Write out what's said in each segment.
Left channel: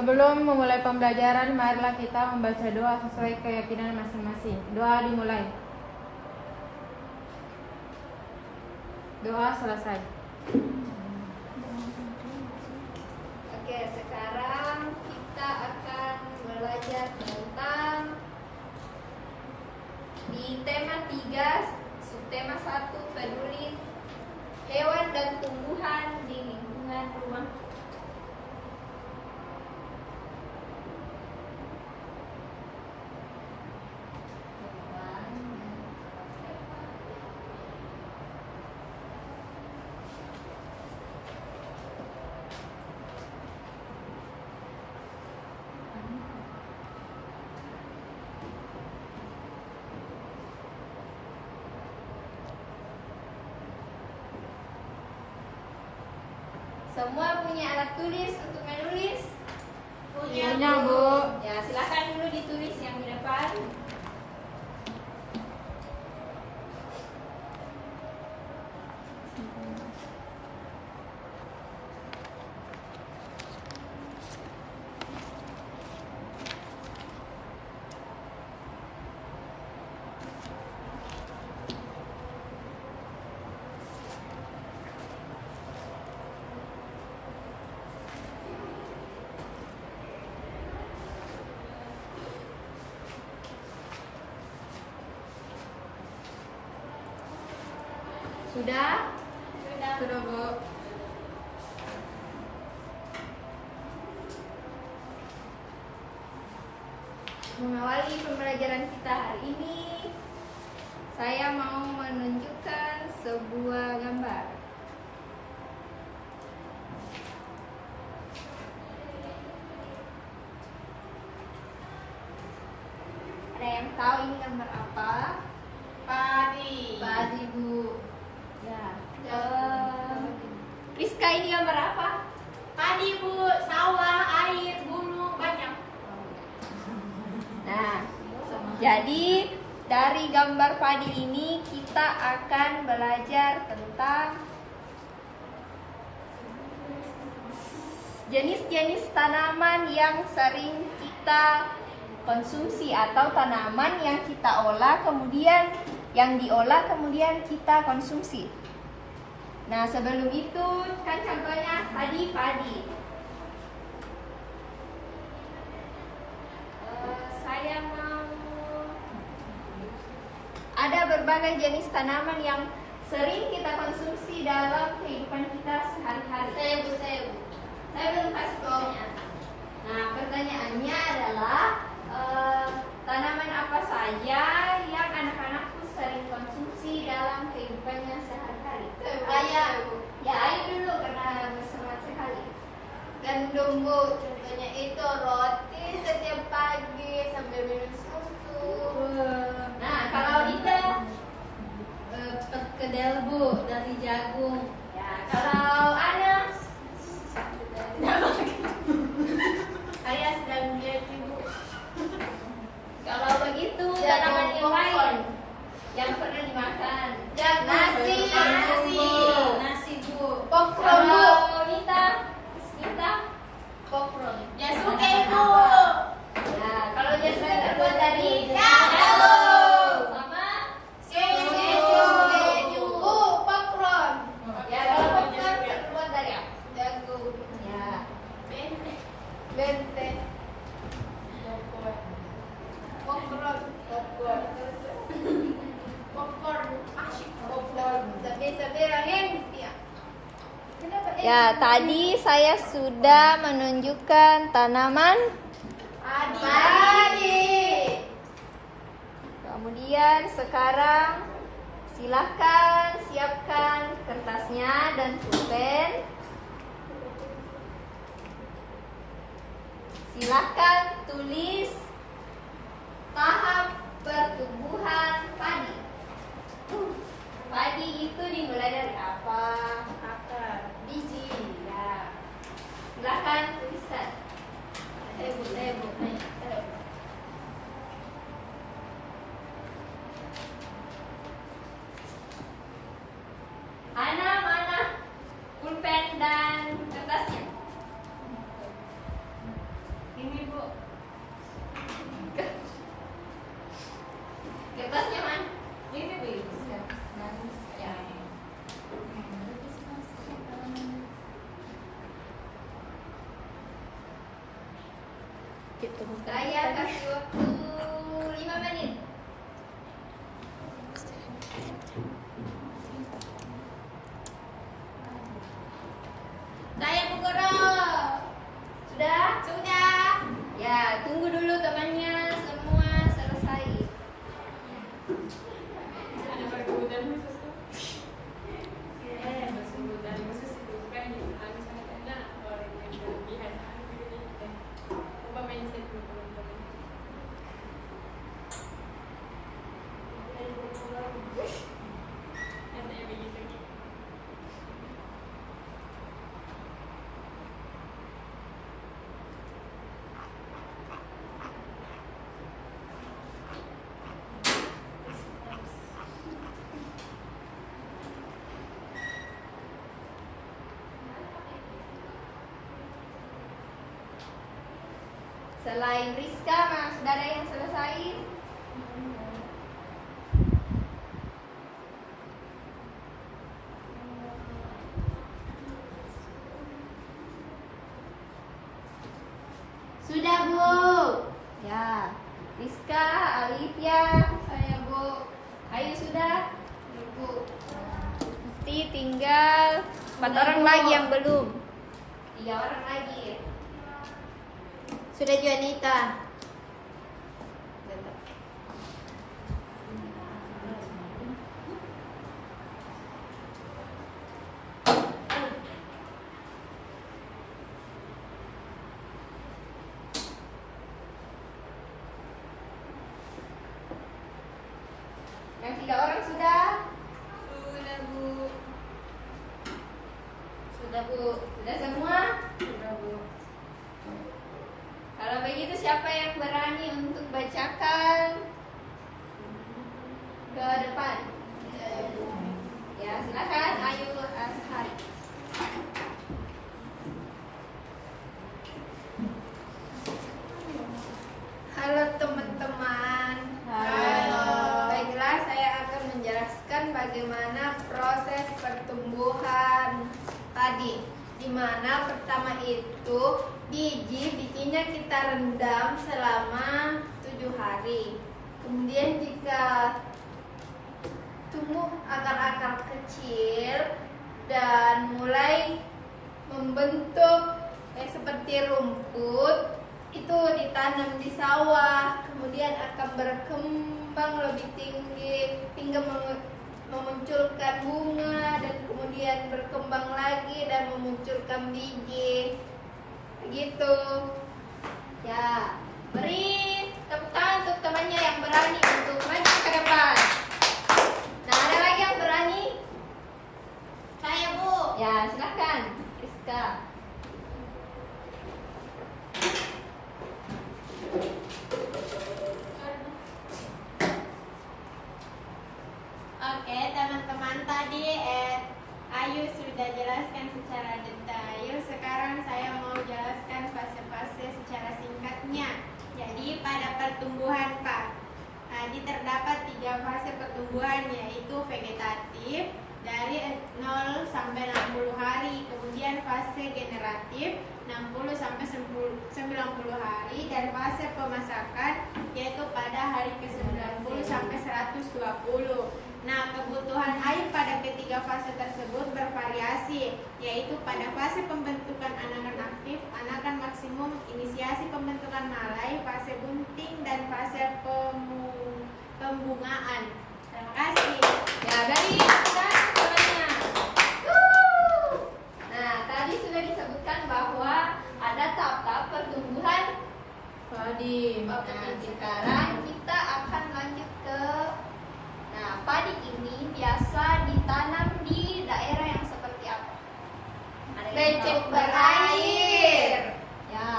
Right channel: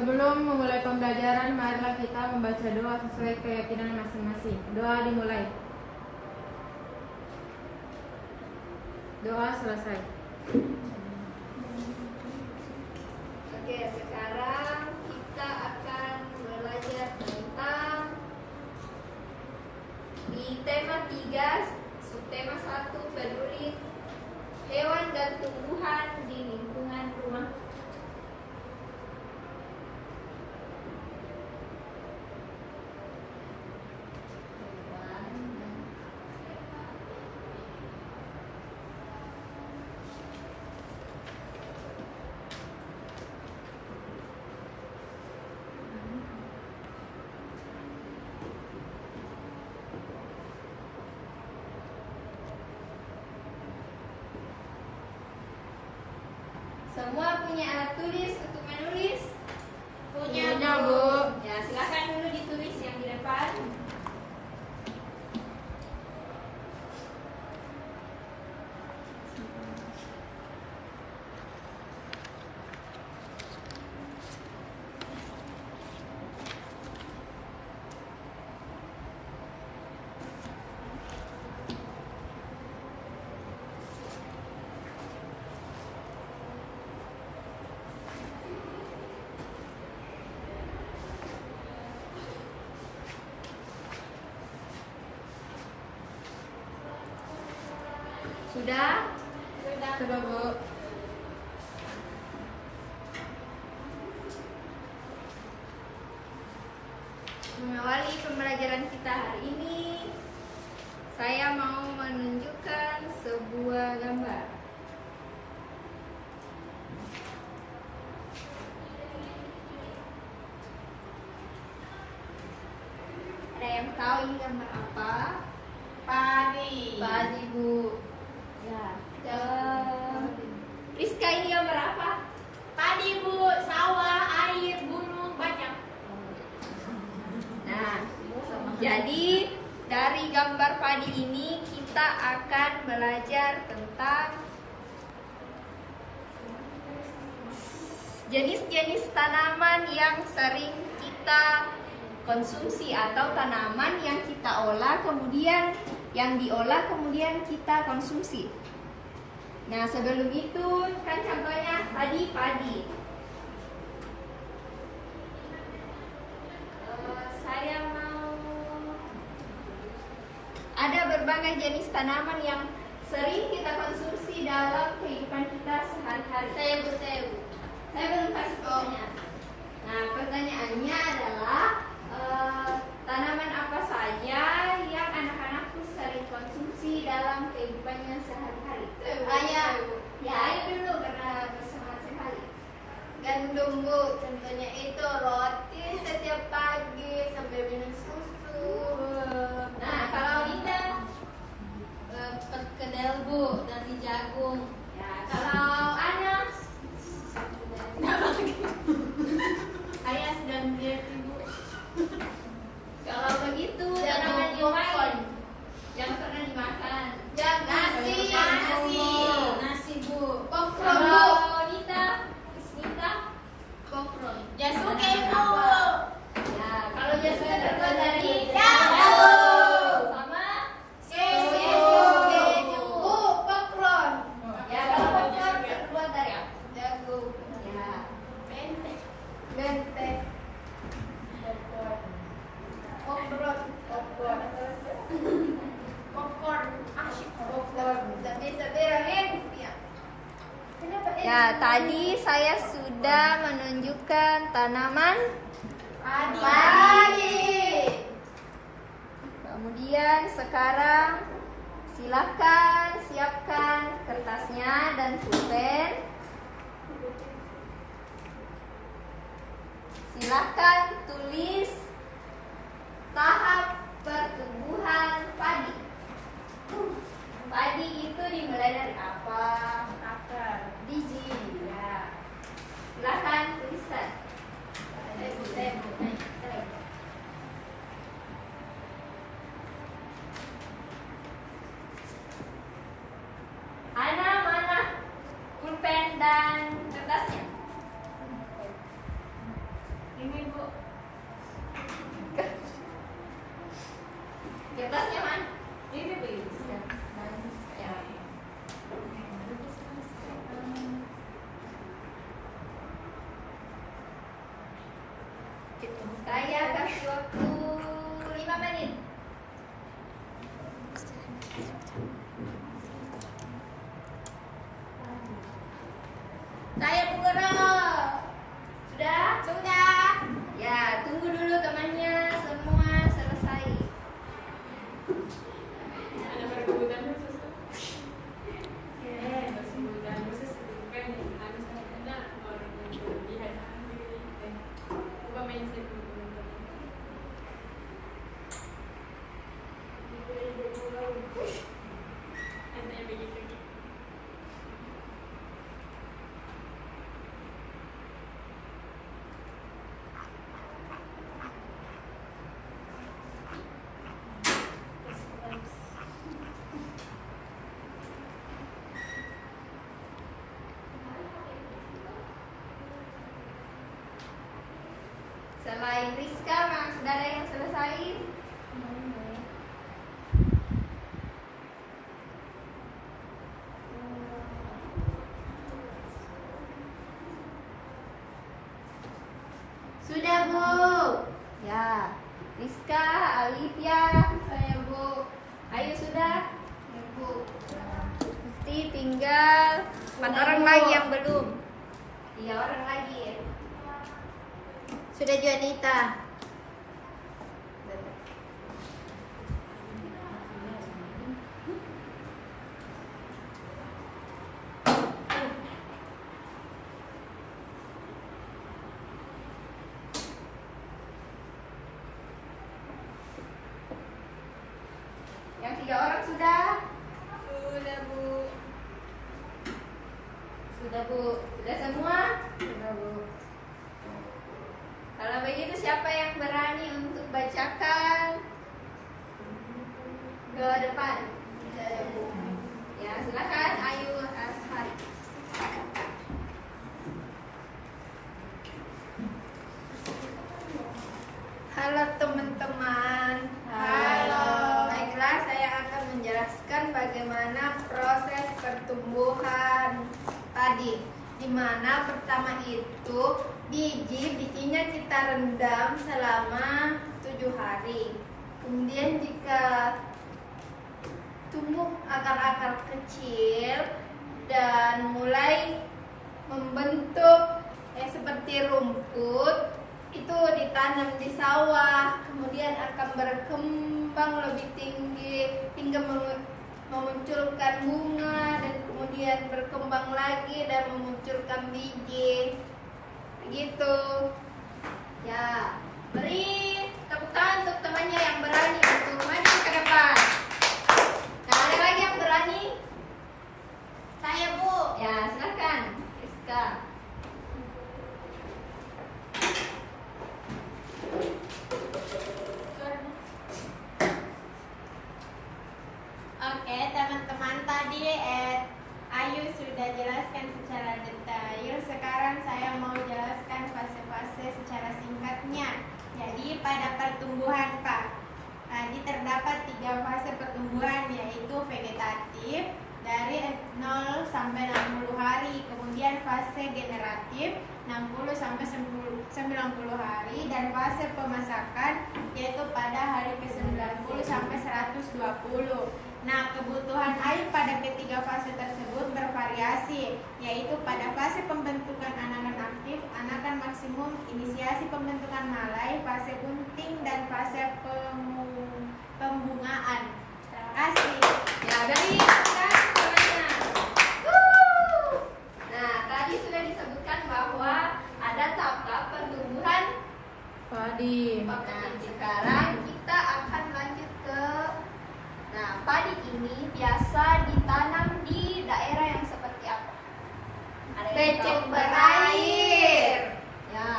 Sebelum memulai pembelajaran, marilah kita membaca doa sesuai keyakinan masing-masing. Doa dimulai. Doa selesai. Oke, sekarang kita akan belajar tentang di tema 3, subtema 1, peduli hewan dan tumbuhan di lingkungan rumah. Semua punya alat tulis untuk menulis? Punya, Bu. Ya, silakan dulu ditulis yang di depan. Sudah? Sudah, Bu. Mengawali pembelajaran kita hari ini, saya mau menunjukkan sebuah gambar. Ada yang tahu ini gambar apa? Padi. Padi, Bu. Ya. Rizka, ini gambar apa? Padi, Bu, sawah, air, gunung, banyak. Nah, jadi dari gambar padi ini kita akan belajar tentang jenis-jenis tanaman yang sering kita konsumsi atau tanaman yang kita olah kemudian kita konsumsi. Nah, sebelum itu kan contohnya tadi padi. Saya mau ada berbagai jenis tanaman yang sering kita konsumsi dalam kehidupan kita sehari-hari. Saya belum kasih tahunya. Nah, pertanyaannya adalah tanaman apa saja yang anak-anak sering konsumsi dalam kehidupannya sehari-hari? Ya, ayo dulu karena bersama sekali. Gandum, Bu, contohnya itu roti setiap pagi sambil minum susu. Nah, kalau Rita, Perkedel, Bu, dari jagung. ya kalau Ana, Saya sedang lihat, Ibu. kalau begitu Jagung tanaman yang lain popcorn. yang pernah dimakan. Nasi, Bu. Kalau Nita, Popcorn. Jasuke, Bu. nah kalau jasmine terbuat dari Jagung. sama Keju. Bu, popcorn. ya kalau popcorn terbuat dari apa? Jagung. Ya, Benteng. Popcorn. Popcorn. Asyik popcorn. Sabi rahin. Ya. ya tadi saya sudah menunjukkan tanaman. Padi. Kemudian sekarang silakan siapkan kertasnya dan pulpen. Silakan tulis tahap pertumbuhan padi. Padi itu dimulai dari apa? Akar. Biji. Ya. Silakan tuliskan. Ana mana pulpen dan kertasnya? kasih waktu 5 menit. Saya Bu Guru. Sudah? Sudah. Ya, tunggu dulu temannya semua selesai. Ada perkebunan khusus kan? Perkebunan khusus juga yang manis ada orang yang berlebihan. Coba mindset teman-teman. Rasanya begitu. Selain Rizka, sudah ada yang selesai? Sudah Bu. Ya, Rizka, Alivia, saya Bu. Ayo sudah? Ya Bu. Mesti tinggal 4 orang lagi yang belum. 3 orang lagi. Sudah Juanita. Yang 3 orang sudah? Sudah Bu. Sudah Bu. Sudah semua? Sudah Bu. Kalau begitu siapa yang berani untuk bacakan ke depan? Ya silakan, ayo Ashar. Halo teman-teman. Halo. Baiklah, saya akan menjelaskan bagaimana proses pertumbuhan padi. Di mana pertama itu biji, bijinya kita rendam selama 7 hari. Kemudian jika tumbuh akar-akar kecil dan mulai membentuk seperti rumput, itu ditanam di sawah, kemudian akan berkembang lebih tinggi hingga memunculkan bunga dan kemudian berkembang lagi dan memunculkan biji. Begitu. Ya, beri tepuk tangan untuk temannya yang berani untuk maju ke depan. Nah, ada lagi yang berani? Saya Bu. Ya, silakan. Rizka. Oke, teman-teman, tadi Ayu sudah jelaskan secara detail. Sekarang saya mau jelaskan fase-fase secara singkatnya. Jadi pada pertumbuhan ini terdapat 3 fase pertumbuhan, yaitu vegetatif dari 0 sampai 60 hari, kemudian fase generatif 60 sampai 90 hari, dan fase pemasakan yaitu pada hari ke-90 sampai 120. Nah, kebutuhan air pada ketiga fase tersebut bervariasi, yaitu pada fase pembentukan anakan aktif, anakan maksimum, inisiasi pembentukan malai, fase bunting, dan fase pembungaan. Terima kasih. Ya, beri tangan temannya. Nah, tadi sudah disebutkan bahwa ada tahap pertumbuhan Padi. Nah, sekarang kita akan lanjut ke padi ini biasa ditanam di daerah yang seperti apa? Ada yang Becek tahu? berair. Ya.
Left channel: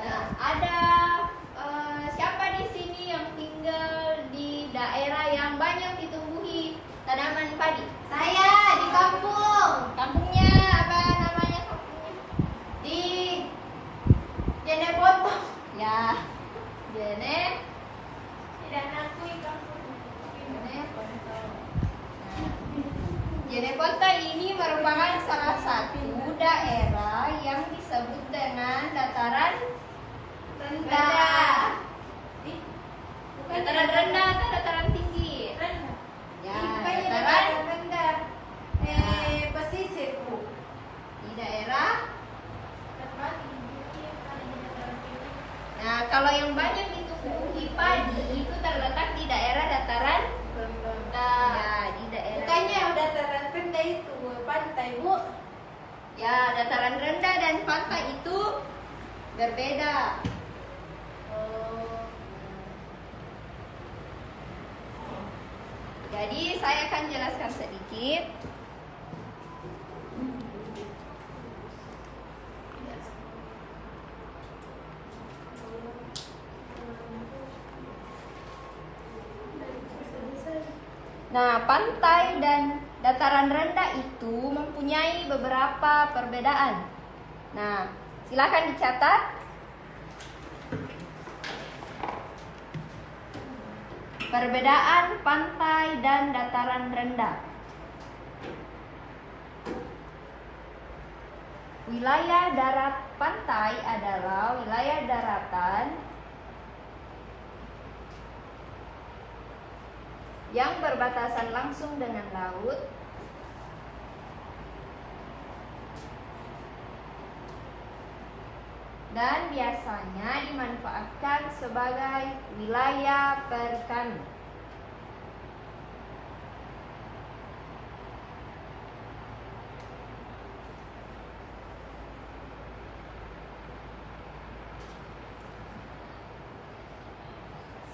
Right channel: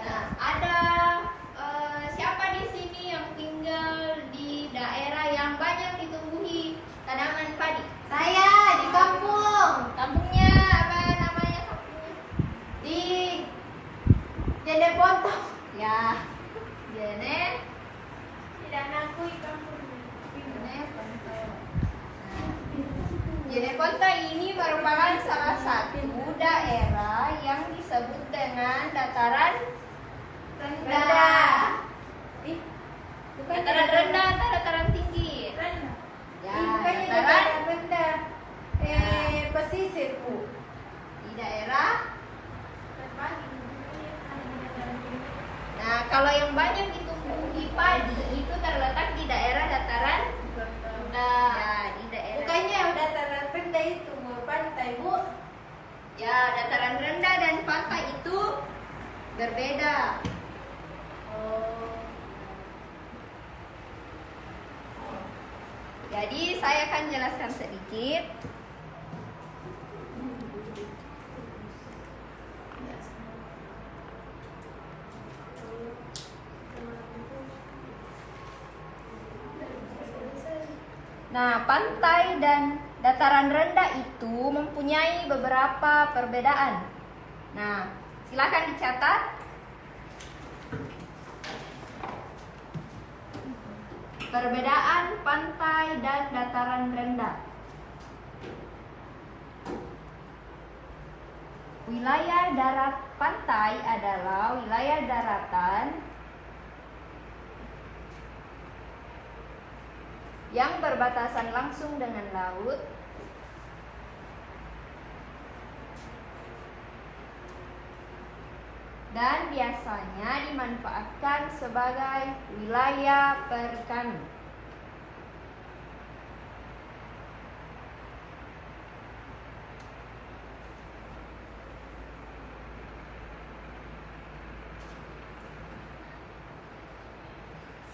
Nah, ada siapa di sini yang tinggal di daerah yang banyak ditumbuhi tanaman padi? Saya di kampung. Kampungnya apa namanya kampungnya? Di Jene Potong. Ya, Jene. Tidak mengakui kampung. Jeneponto. Jeneponto ini merupakan salah satu daerah kalau yang banyak ditumbuhi padi itu terletak di daerah dataran rendah. Ya, di daerah. Bukannya yang dataran rendah itu pantai, Bu? Ya, dataran rendah dan pantai itu berbeda. Jadi saya akan jelaskan sedikit. Nah, pantai dan dataran rendah itu mempunyai beberapa perbedaan. Nah, silakan dicatat. Perbedaan pantai dan dataran rendah. Wilayah darat pantai adalah wilayah daratan yang berbatasan langsung dengan laut dan biasanya dimanfaatkan sebagai wilayah perikanan.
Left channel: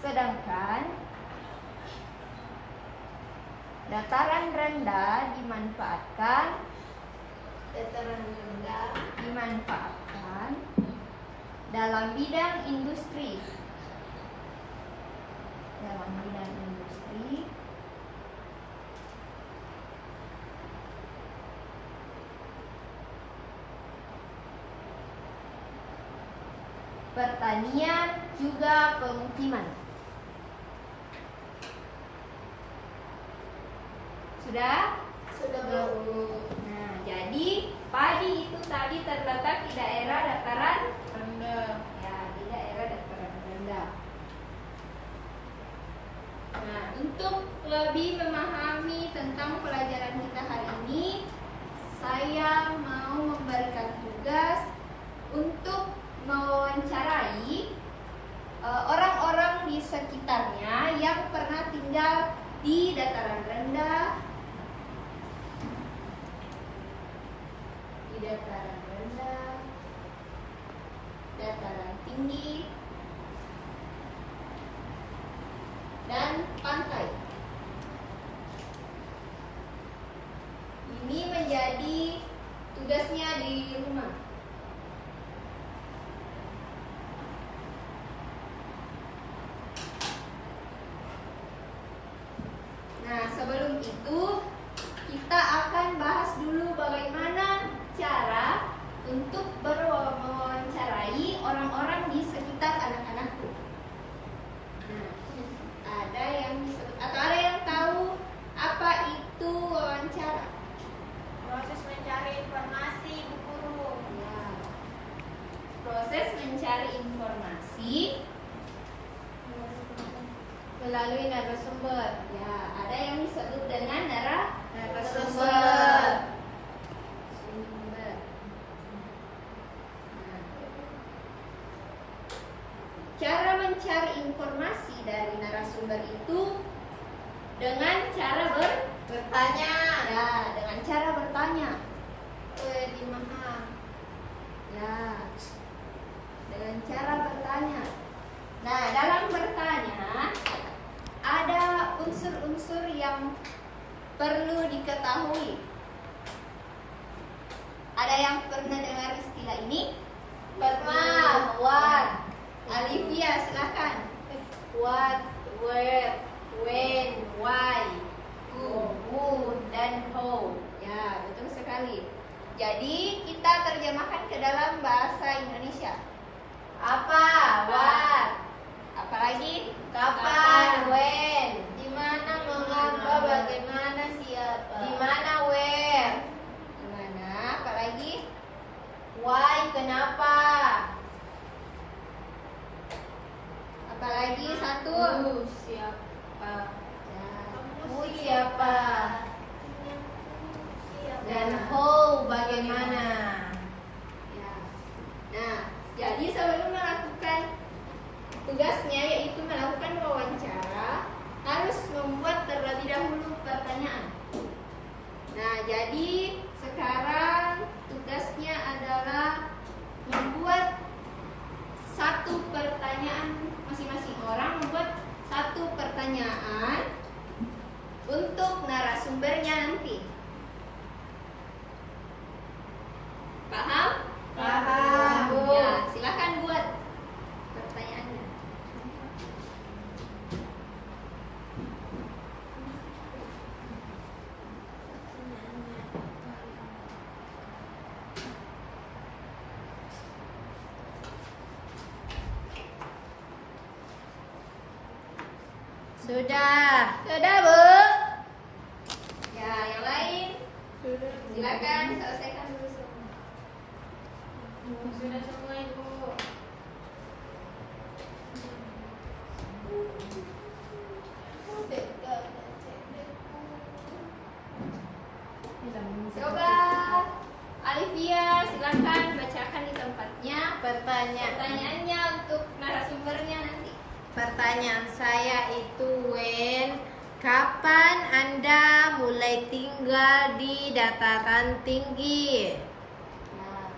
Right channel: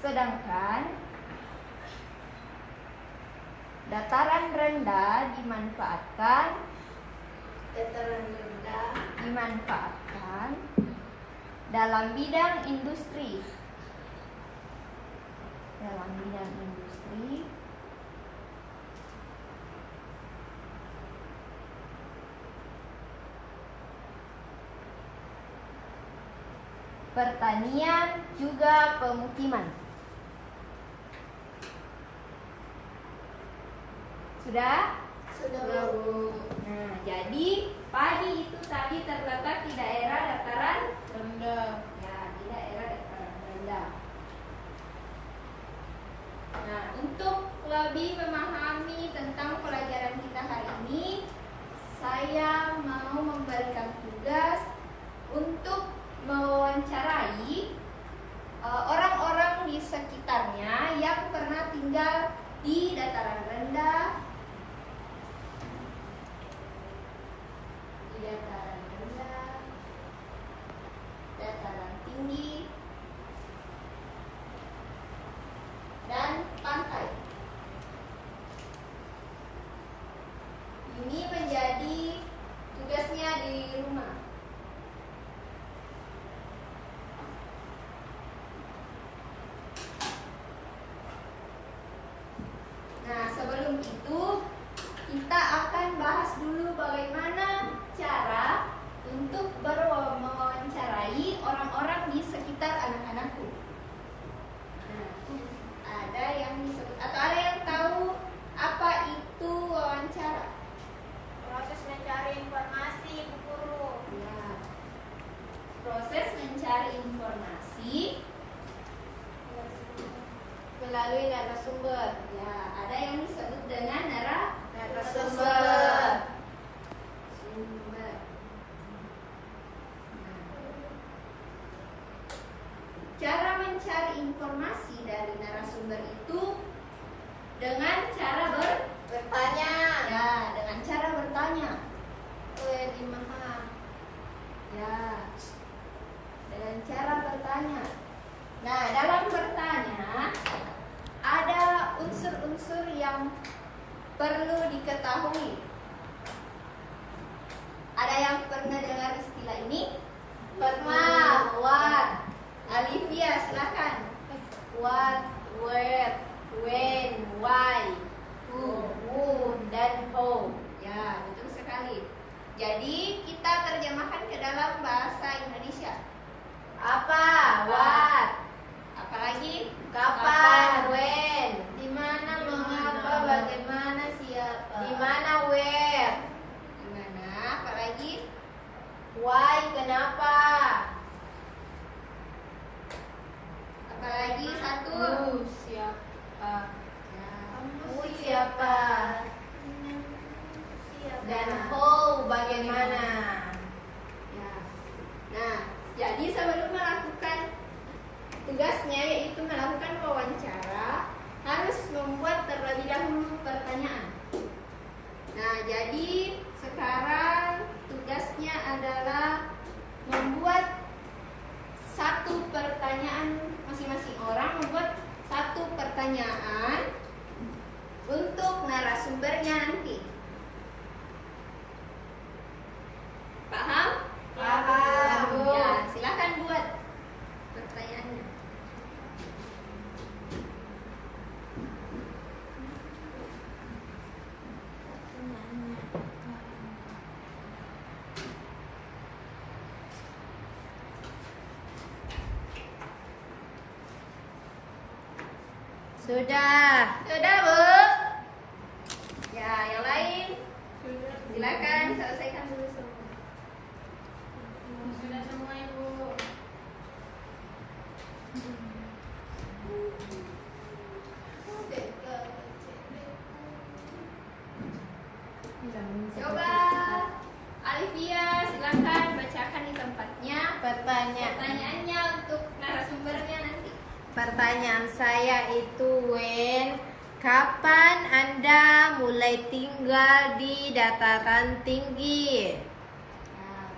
Sedangkan dataran rendah dimanfaatkan dalam bidang industri. Pertanian juga pemukiman. Sudah? Sudah, Bu. Nah, jadi padi itu tadi terletak di daerah dataran Rendah. ya, di daerah dataran rendah. Nah, untuk lebih memahami tentang pelajaran kita hari ini, saya mau memberikan tugas untuk mewawancarai orang-orang di sekitarnya yang pernah tinggal di dataran rendah, dataran tinggi, dan pantai. Ini menjadi tugasnya di rumah. Nah, sebelum itu kita akan bahas dulu bagaimana cara untuk mewawancarai orang-orang di sekitar anak-anakku. Nah, ada yang tahu apa itu wawancara? Proses mencari informasi, Bu Guru. Ya. Proses mencari informasi Melalui narasumber. ya, ada yang disebut dengan Narasumber. sumber. Nah, cara mencari informasi dari narasumber itu dengan cara Bertanya. ya, dengan cara bertanya. Gimana? Ya, dengan cara bertanya. Nah, dalam bertanya ada unsur-unsur yang perlu diketahui. Ada yang pernah dengar istilah ini? Pernah. What? Alivia, silakan. What, where, when, why, who, dan how. Ya, betul sekali. Jadi kita terjemahkan ke dalam bahasa Indonesia. Apa? What? Apalagi? Kapan? When? Di mana? Mengapa? Bagaimana? Siapa? Di Di mana? Where? Di mana? Apalagi? Why? Kenapa? Apalagi satu? Who? Siapa? Ya. Who siapa? Dan how? Bagaimana? Ya. Nah, jadi sebelum melakukan membuat terlebih dahulu pertanyaan. Nah, jadi sekarang tugasnya adalah membuat satu pertanyaan, masing-masing orang membuat satu pertanyaan untuk narasumbernya nanti. Paham? Paham. Ya, silakan buat pertanyaannya. Sudah. Sudah, Bu? Ya, yang lain? Silakan selesaikan dulu semua. Sudah semua Ibu. Coba Alivia, silakan bacakan di tempatnya pertanyaannya untuk narasumbernya nanti. Pertanyaan saya itu, Wen, kapan Anda mulai tinggal di dataran tinggi? Nah,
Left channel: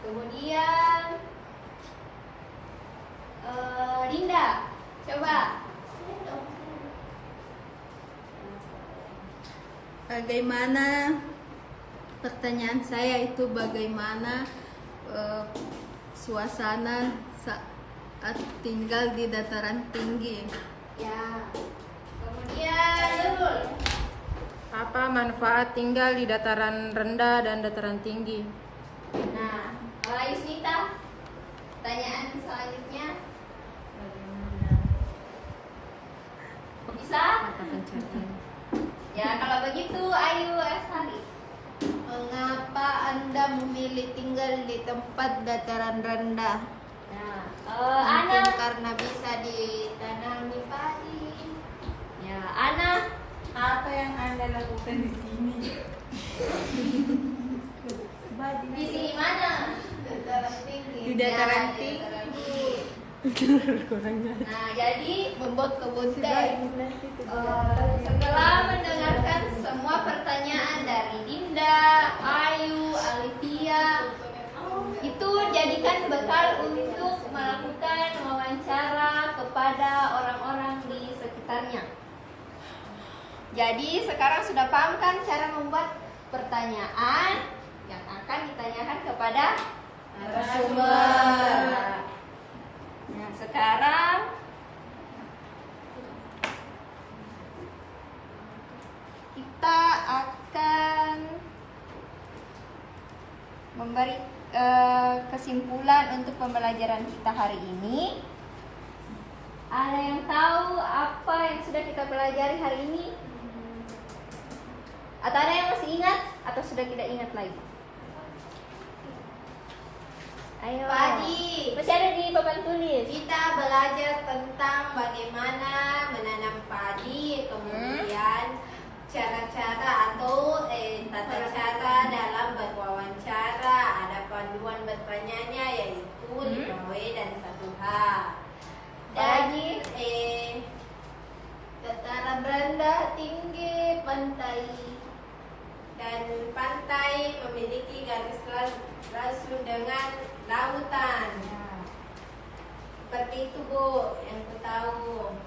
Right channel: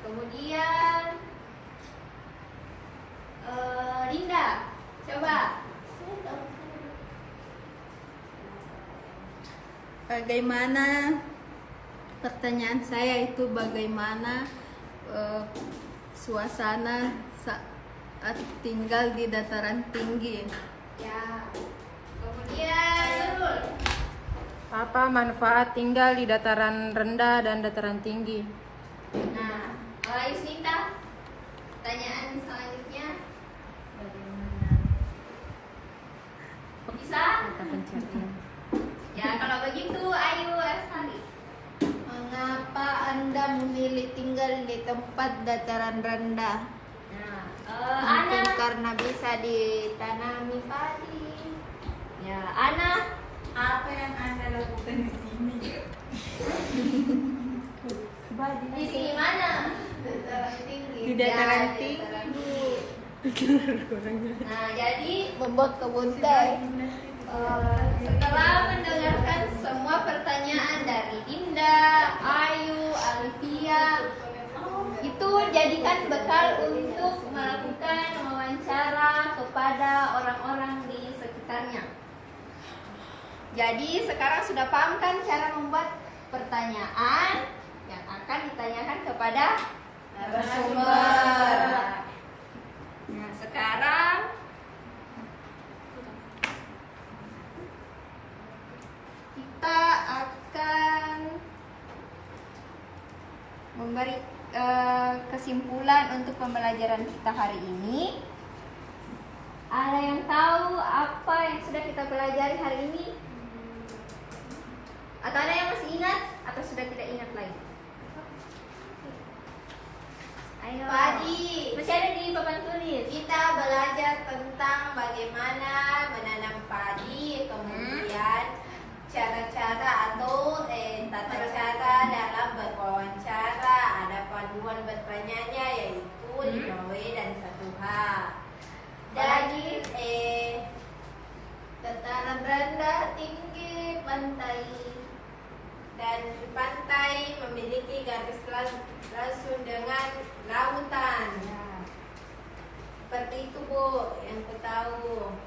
kemudian Dinda, coba. Bagaimana, pertanyaan saya itu bagaimana suasana saat tinggal di dataran tinggi? Ya. Kemudian Nurul. Apa manfaat tinggal di dataran rendah dan dataran tinggi? Nah, kalau Yusita, pertanyaan selanjutnya bisa? Mata pencarian. Ya, kalau begitu Ayu Astari. Mengapa Anda memilih tinggal di tempat dataran rendah? Nah, Mungkin Ana. karena bisa ditanami padi. Ya, Ana. Apa yang Anda lakukan di sini? Di sini mana? Dataran tinggi. Di dataran Ya, di tinggi. dataran Nah, jadi membuat kebun teh. setelah mendengarkan semua pertanyaan dari Dinda, Ayu, Alivia, itu jadikan bekal untuk melakukan wawancara kepada orang-orang di sekitarnya. Jadi sekarang sudah paham kan cara membuat pertanyaan yang akan ditanyakan kepada narasumber. Nah, sekarang kita akan memberi kesimpulan untuk pembelajaran kita hari ini. Ada yang tahu apa yang sudah kita pelajari hari ini? Atau ada yang masih ingat atau sudah tidak ingat lagi? Ayo. Padi. Masih ada di papan tulis. Kita belajar tentang bagaimana menanam padi, kemudian cara-cara atau tata cara dalam berwawancara. Ada panduan bertanyanya yaitu 5W dan 1H. Dan dataran rendah, tinggi, pantai. Dan pantai memiliki garis langsung dengan lautan. Seperti itu, Bu, yang ku tahu.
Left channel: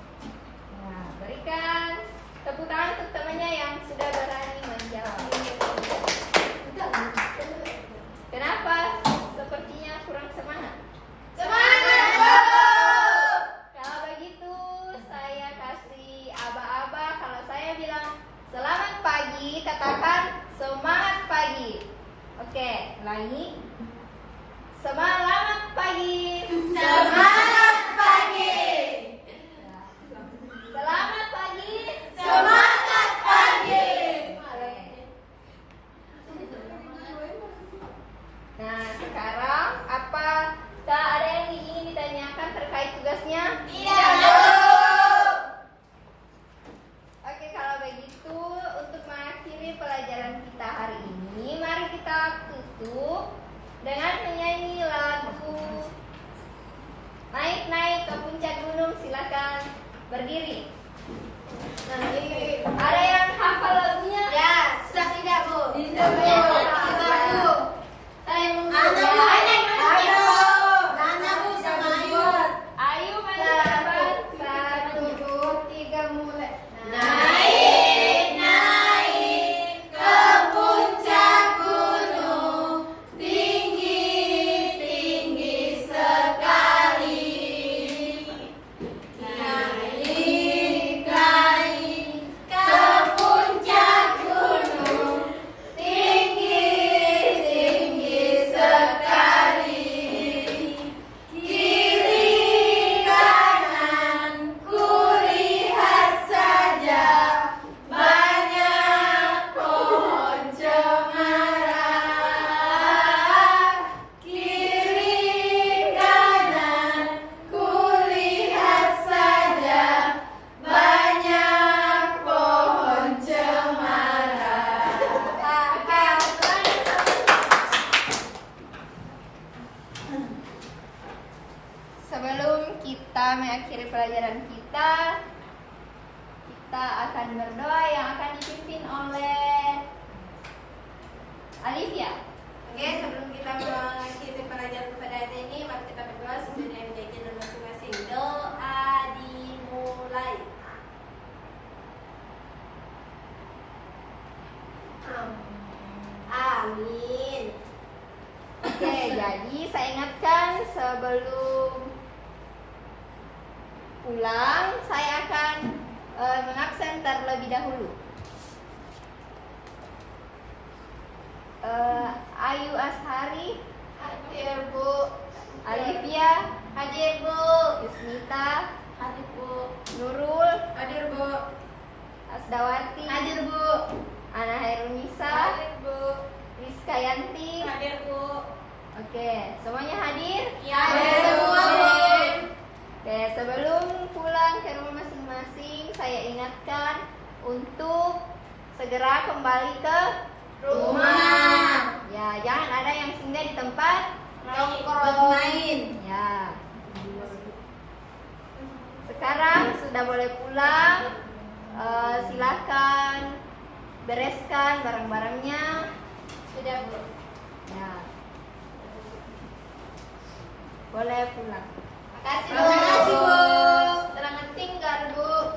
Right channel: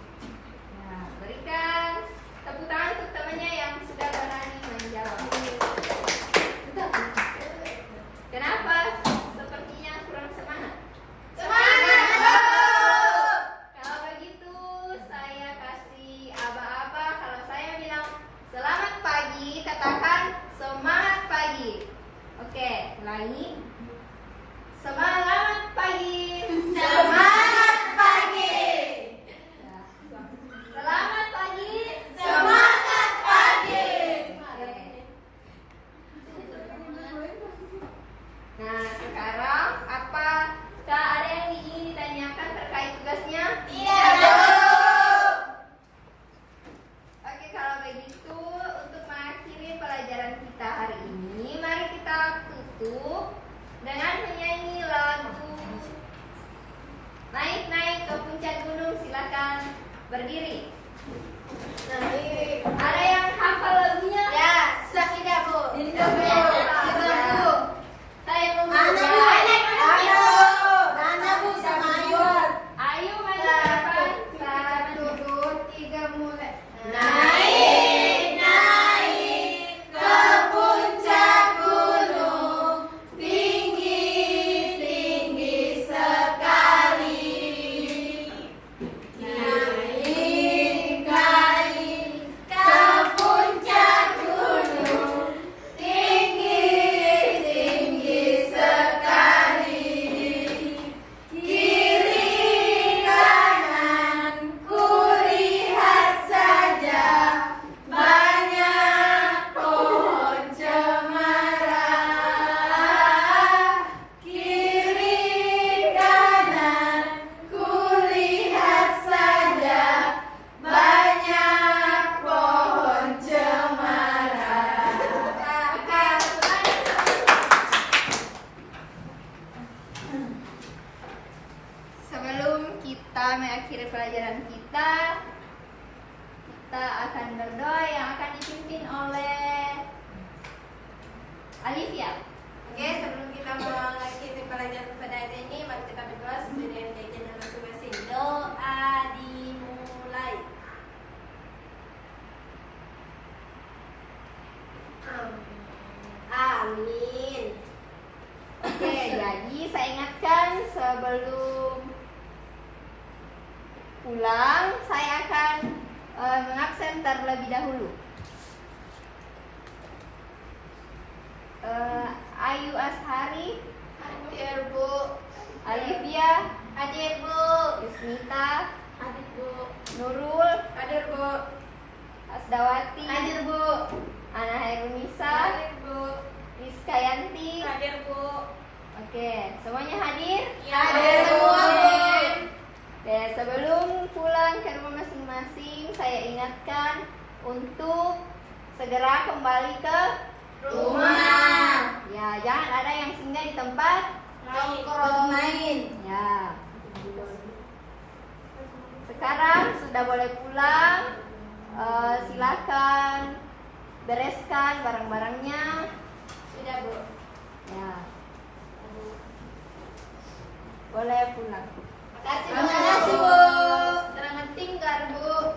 Nah, berikan tepuk tangan untuk temannya yang sudah berani menjawab. Kenapa sepertinya kurang semangat? Semangat, Bu! Kalau begitu saya kasih aba-aba. Kalau saya bilang selamat pagi, katakan semangat pagi. Oke, ulangi. Selamat pagi. Semangat pagi! Selamat pagi. Semangat pagi! Nah, sekarang apakah ada yang ingin ditanyakan terkait tugasnya? Iya, Bu! Oke, kalau begitu untuk mengakhiri pelajaran kita hari ini, mari kita tutup dengan menyanyi lagu Naik-naik ke puncak gunung. Silakan berdiri. Ada yang hafal lagunya? Ya, tidak Bu. Tidak, Bu. Tidak, Bu. Saya mau Mana Bu sama Ayu? Ayo maju ke depan. 1, 2, 3 mulai. Naik ke puncak gunung, tinggi sekali. Naik ke puncak gunung, tinggi sekali. Kiri kanan kulihat saja banyak pohon cemara. Kiri kanan kulihat saja banyak pohon cemara. Sebelum kita mengakhiri pelajaran kita akan berdoa yang akan dipimpin oleh Alivia. Oke, sebelum kita mengakhiri pelajaran pada hari ini, mari kita berdoa sesuai dengan keyakinan masing-masing. Doa dimulai. Amin. Oke, jadi saya ingatkan sebelum pulang saya akan mengabsen terlebih dahulu. Ayu Ashari, Hadir Bu. Alivia, Hadir Bu. Yusmita, Hadir Bu. Nurul, Hadir Bu. Asdawati, Hadir Bu. Ana Hairunisa, Bu. Rizkayanti. Hadir Bu. Oke, semuanya hadir? Hadir semua Bu. Oke, sebelum pulang ke rumah masing-masing, saya ingatkan untuk segera kembali ke Rumah. Ya, jangan ada yang singgah di tempat Nongkrong. ya. Sekarang sudah boleh pulang. Silakan bereskan barang-barangnya. Sudah Bu. Ya. Boleh pulang. Terima kasih Bu. Selamat tinggal Bu.